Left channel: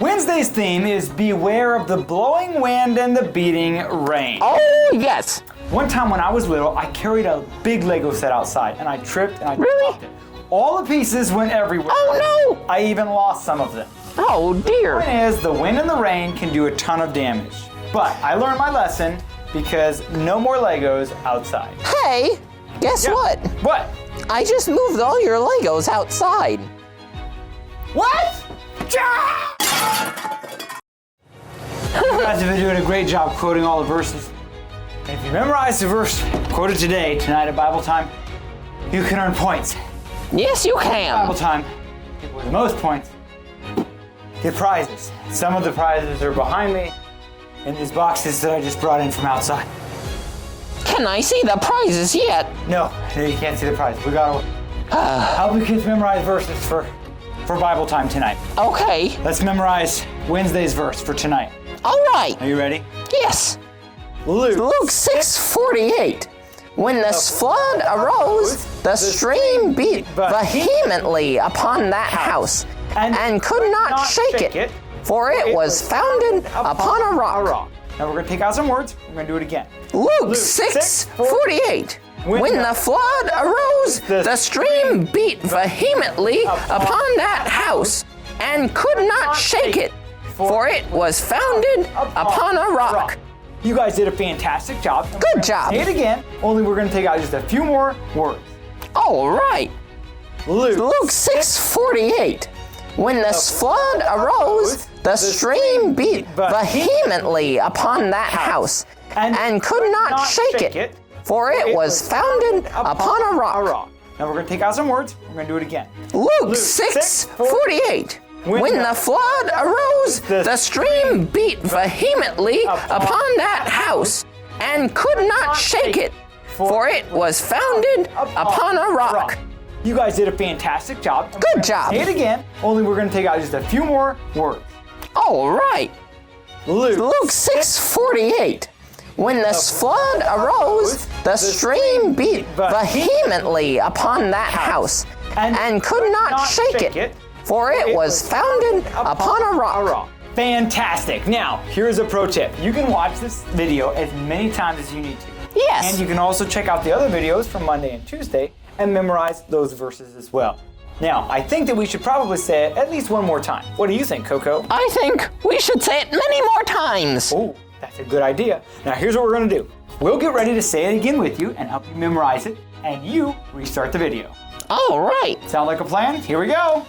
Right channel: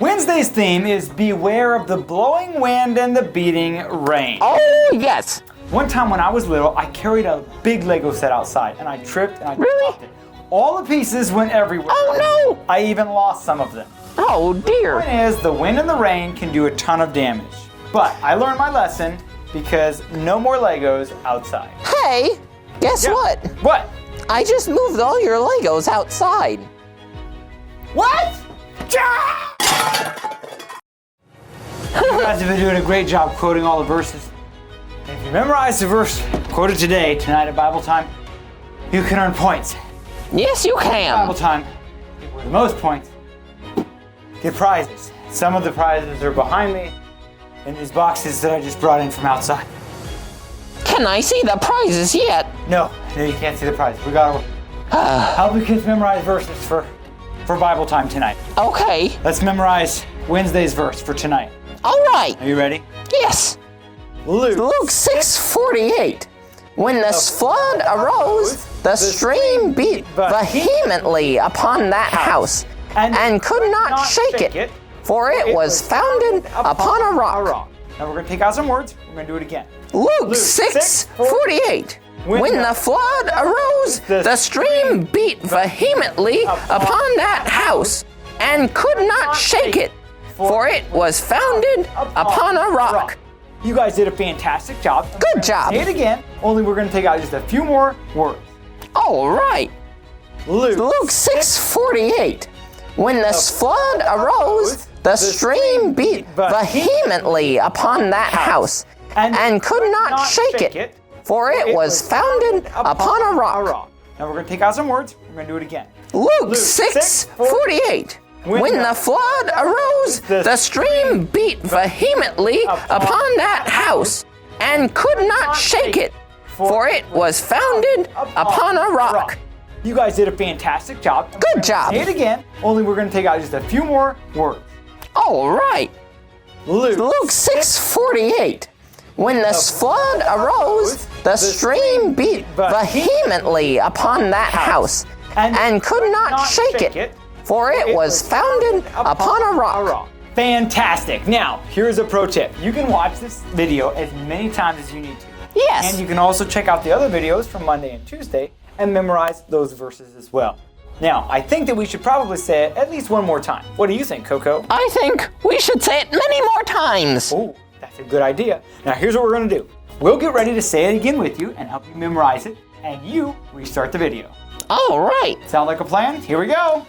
Wednesday's theme is beware of the blowing wind and the beating rain. Oh, yes. One time when I was little, I carried a big Lego set outside and I tripped and I Really? dropped it. All the pieces went everywhere. Oh, no. I even lost some of them. Oh, dear. The point is, the wind and the rain can do a ton of damage. But I learned my lesson because no more Legos outside. Hey, guess Yeah. what? What? I just moved all your Legos outside. What? You guys have been doing a great job quoting all the verses. And if you memorize the verse quoted today, tonight at Bible time, you can earn points. Yes, you Bible can. time, with the most points, get prizes. Some of the prizes are behind me in these boxes that I just brought in from outside. Can I see the prizes yet? No, you can't see the prizes. We gotta help you kids memorize verses for Bible time tonight. Okay. Let's memorize Wednesday's verse for tonight. All right. Are you ready? Yes. Luke 6:48. When the flood arose, the stream beat vehemently upon that house, and could not shake it, for it was founded upon a rock. Now we're going to take out some words. We're going to do it again. Luke 6:48. When the flood arose, the stream beat vehemently upon that house, and could not shake it, for it was founded upon a rock. You guys did a fantastic job. Good job. Say it again, only we're going to take out just a few more words. All right. Luke 6:48. When the flood arose, the stream beat vehemently upon that house, and could not shake it, for it was founded upon a rock. Now we're going to take out some words. We're going to do it again. Luke 6:48. When the flood arose, the stream beat vehemently upon that house, and could not shake it, for it was founded upon a rock. You guys did a fantastic job. Good job. Say it again, only we're going to take out just a few more words. All right. Luke 6:48. When the flood arose, the stream beat vehemently upon that house, and could not shake it, for it was founded upon a rock. Fantastic. Now, here's a pro tip. You can watch this video as many times as you need to. Yes. And you can also check out the other videos from Monday and Tuesday and memorize those verses as well. Now, I think that we should probably say it at least one more time. What do you think, Coco? I think we should say it many more times. Oh, that's a good idea. Now, here's what we're going to do. We'll get ready to say it again with you and help you memorize it, and you restart the video. All right. Sound like a plan? Here we go.